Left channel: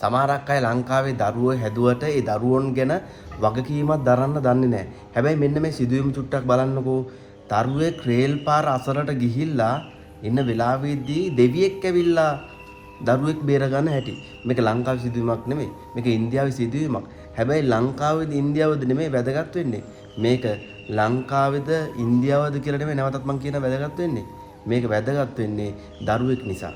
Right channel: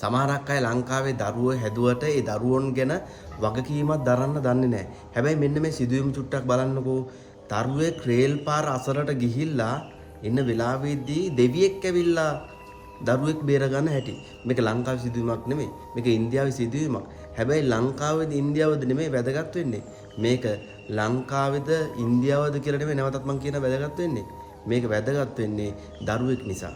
සමහරක් අය ලංකාවේ දරුවෝ හැදුවට ඒ දරුවොන් ගැන වගකීමක් දරන්න දන්නේ නැහැ. හැබැයි මෙන්න මේ සිදුවීම් චුට්ටක් බලන්නකෝ. දරුවෙක් රේල් පාර අසලට ගිහිල්ලා ඉන්න වෙලාවෙදී දෙවියෙක් ඇවිල්ලා දරුවෙක් බේරගන්න හැටි. මේක ලංකාවේ සිදුවීමක් නෙමෙයි. මේක ඉන්දියාවේ සිදුවීමක්. හැබැයි ලංකාවේද ඉන්දියාවේද නෙමෙයි වැදගත් වෙන්නේ. මේක ලංකාවේද ඉන්දියාවේද කියලා නෙමෙයි නැවතත් මම කියන වැදගත් වෙන්නේ. මේක වැදගත් වෙන්නේ දරුවෙක් නිසා.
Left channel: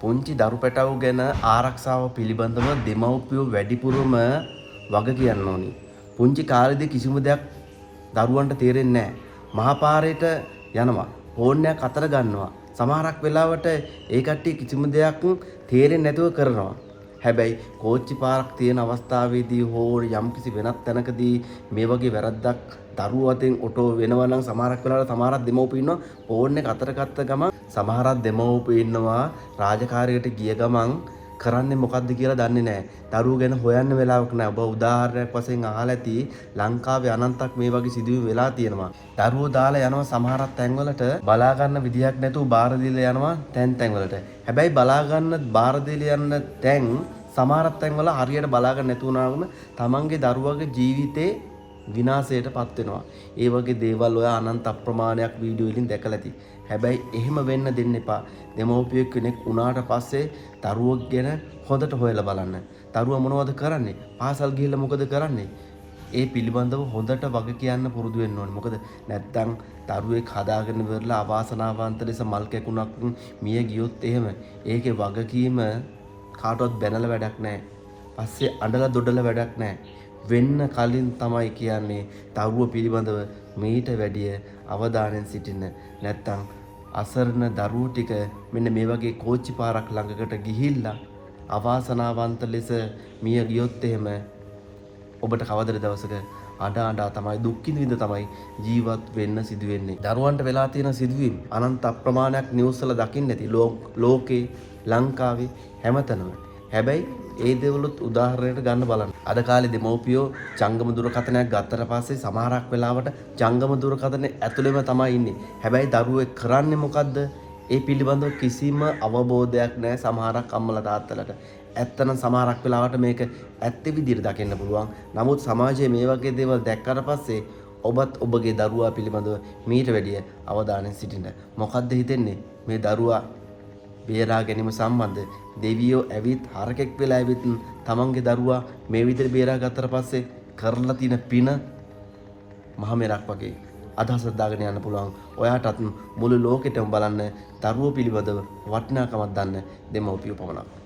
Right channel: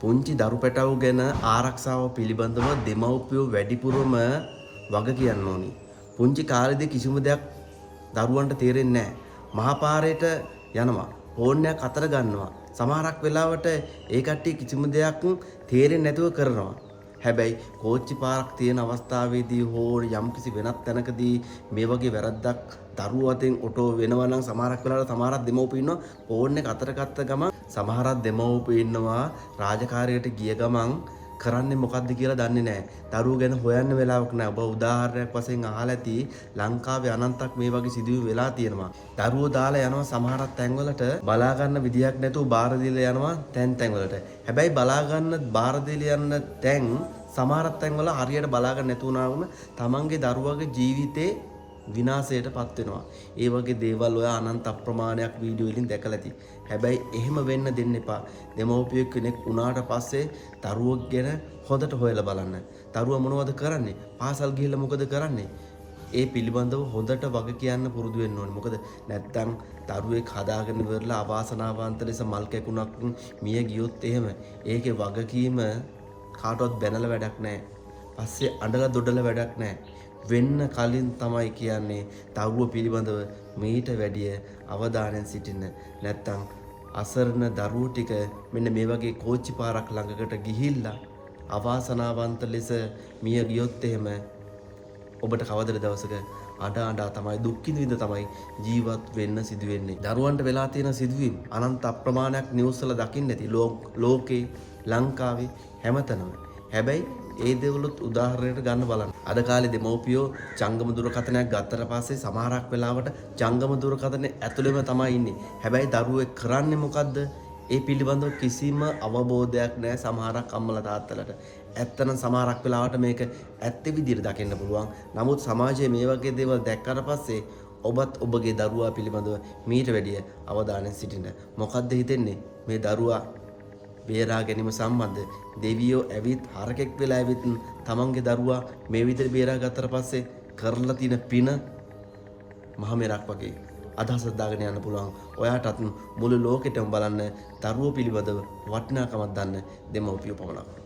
පුංචි දරු පැටවු ගැන ආරක්ෂාව පිළිබඳව දෙමව්පියෝ වැඩිපුරම වග කියන්න ඕනි. පුංචි කාලේදී කිසිම දෙයක් දරුවන්ට තේරෙන්නේ නැහැ. මහපාරේට යනවා. ෆෝන් එකක් අතර ගන්නවා. සමහරක් වෙලාවට ඒ කට්ටිය කිසිම දෙයක් තේරෙන්නේ නැතුව කරනවා. හැබැයි කෝච්චි පාරක් තියෙන අවස්ථාවේදී හෝ යම්කිසි වෙනත් තැනකදී මේ වගේ වැරද්දක් දරුවෝ අතෙන් ඔටෝ වෙනවා නම් සමහරක් වෙලාවට සමහරක් දෙමව්පියෝ ඉන්නවා ෆෝන් එක අතර ගත්ත ගමන් සමහරක් දෙමව්පියෝ ඉන්නවා රාජකාරියට ගිය ගමන් කරන්නේ මොකද්ද කියලා දන්නේ නැහැ. දරුවෝ ගැන හොයන්න වෙලාවක් නැහැ. ඔබ උදාහරණයක් වශයෙන් අහලා ඇති ලංකාවේ අනන්තක් මේ වගේ සිදුවීම් වෙලා තියෙනවා. දරුවෝ දාලා යනවා සමහරක් තැන්වලට බලා ගන්න විදියක් නැතුව බාර දීලා යනවා තැන්වලට. හැබැයි බලා ගන්න බාර දීලා යන තැන් සමහරක් තැන්වල හරියට බලා ගන්න නැතු වුණාම තමන්ගේ දරුවගේ ජීවිතේ විනාශයටපත් වෙනවා. ඒ වගේ දේවල් ඔය අනන්ත අප්‍රමාණයක් වීඩියෝ වලින් දැකලා ඇති. හැබැයි එහෙම වෙන්න දෙන්න එපා. දෙමව්පිය කෙනෙක් වුණාට පස්සේ දරුවෝ ගැන හොඳට හොයලා බලන්න. දරුවා මොනවද කරන්නේ? පාසල් ගිහිල්ලා මොකද කරන්නේ? ඒ පිළිබඳව හොඳට වග කියන්න පුරුදු වෙන්න ඕනේ. මොකද නැත්තම් දරුවෙක් හදාගෙන ඉවරලා අවාසනාවන්ත ලෙස මල් කැකුණක් මිය ගියොත් එහෙම ඒකේ වගකීම කාටවත් බැනලා වැඩක් නැහැ. පස්සේ අඬලා දොඩලා වැඩක් නැහැ. වෙන්න කලින් තමයි කියන්නේ දරුව පිළිබඳව මීට වැඩිය අවධානයෙන් සිටින්න. නැත්තම් අසරණ දරුවෝ ටික මෙන්න මේ වගේ කෝච්චි පාරක් ළඟකට ගිහිල්ලා අවාසනාවන්ත ලෙස මිය ගියොත් එහෙම ඔබට කවදද දවසක අඬ තමයි දුක් විඳ තමයි ජීවත් වෙන්න සිදු වෙන්නේ. දරුවන්ට වෙලා තියෙන සිදුවීම් අනන්ත අප්‍රමාණයක් නිවුස් වල දකින්න ඇති ලෝකේ ලංකාවේ හැමතැනම. හැබැයි ඒ දේවලුත් උදාහරණයට ගන්න බලන්න. අද කාලේ දෙමව්පියෝ ජංගම දුරකථනයක් ගත්තට පස්සේ සමහරක් වෙලාවට ජංගම දුරකථනේ ඇතුළෙම තමයි ඉන්නේ. හැබැයි දරුවෙක් කරන්නේ මොකද්ද? ඒ පිළිබඳව කිසිම අවබෝධයක් නැහැ සමහරක් අම්මලා තාත්තලාට. ඇත්තනම් සමහරක් වෙලාවට මේක ඇත්ත විදිහට දකින්න පුළුවන්. නමුත් සමාජයේ මේ වගේ දේවල් දැක්කට පස්සේ ඔබත් ඔබගේ දරුවා පිළිබඳව මීට වැඩිය අවධානයෙන් සිටින්න. මොකද්ද හිතෙන්නේ? මේ දරුවා බේරා ගැනීම සම්බන්ධ දෙවියෝ ඇවිත් හරකෙක් වෙලා ඇවිත් තමන්ගේ දරුවා මේ විදිහට බේරා ගත්තට පස්සේ කරලා තියෙන පින මහ මෙරක් වගේ අදහසක් දාගෙන යන්න පුළුවන්. ඔයාටත් මුළු ලෝකෙටම බලන්න දරුවෝ පිළිබඳව වටිනාකමක් දන්න දෙමව්පියෝ පමණක්.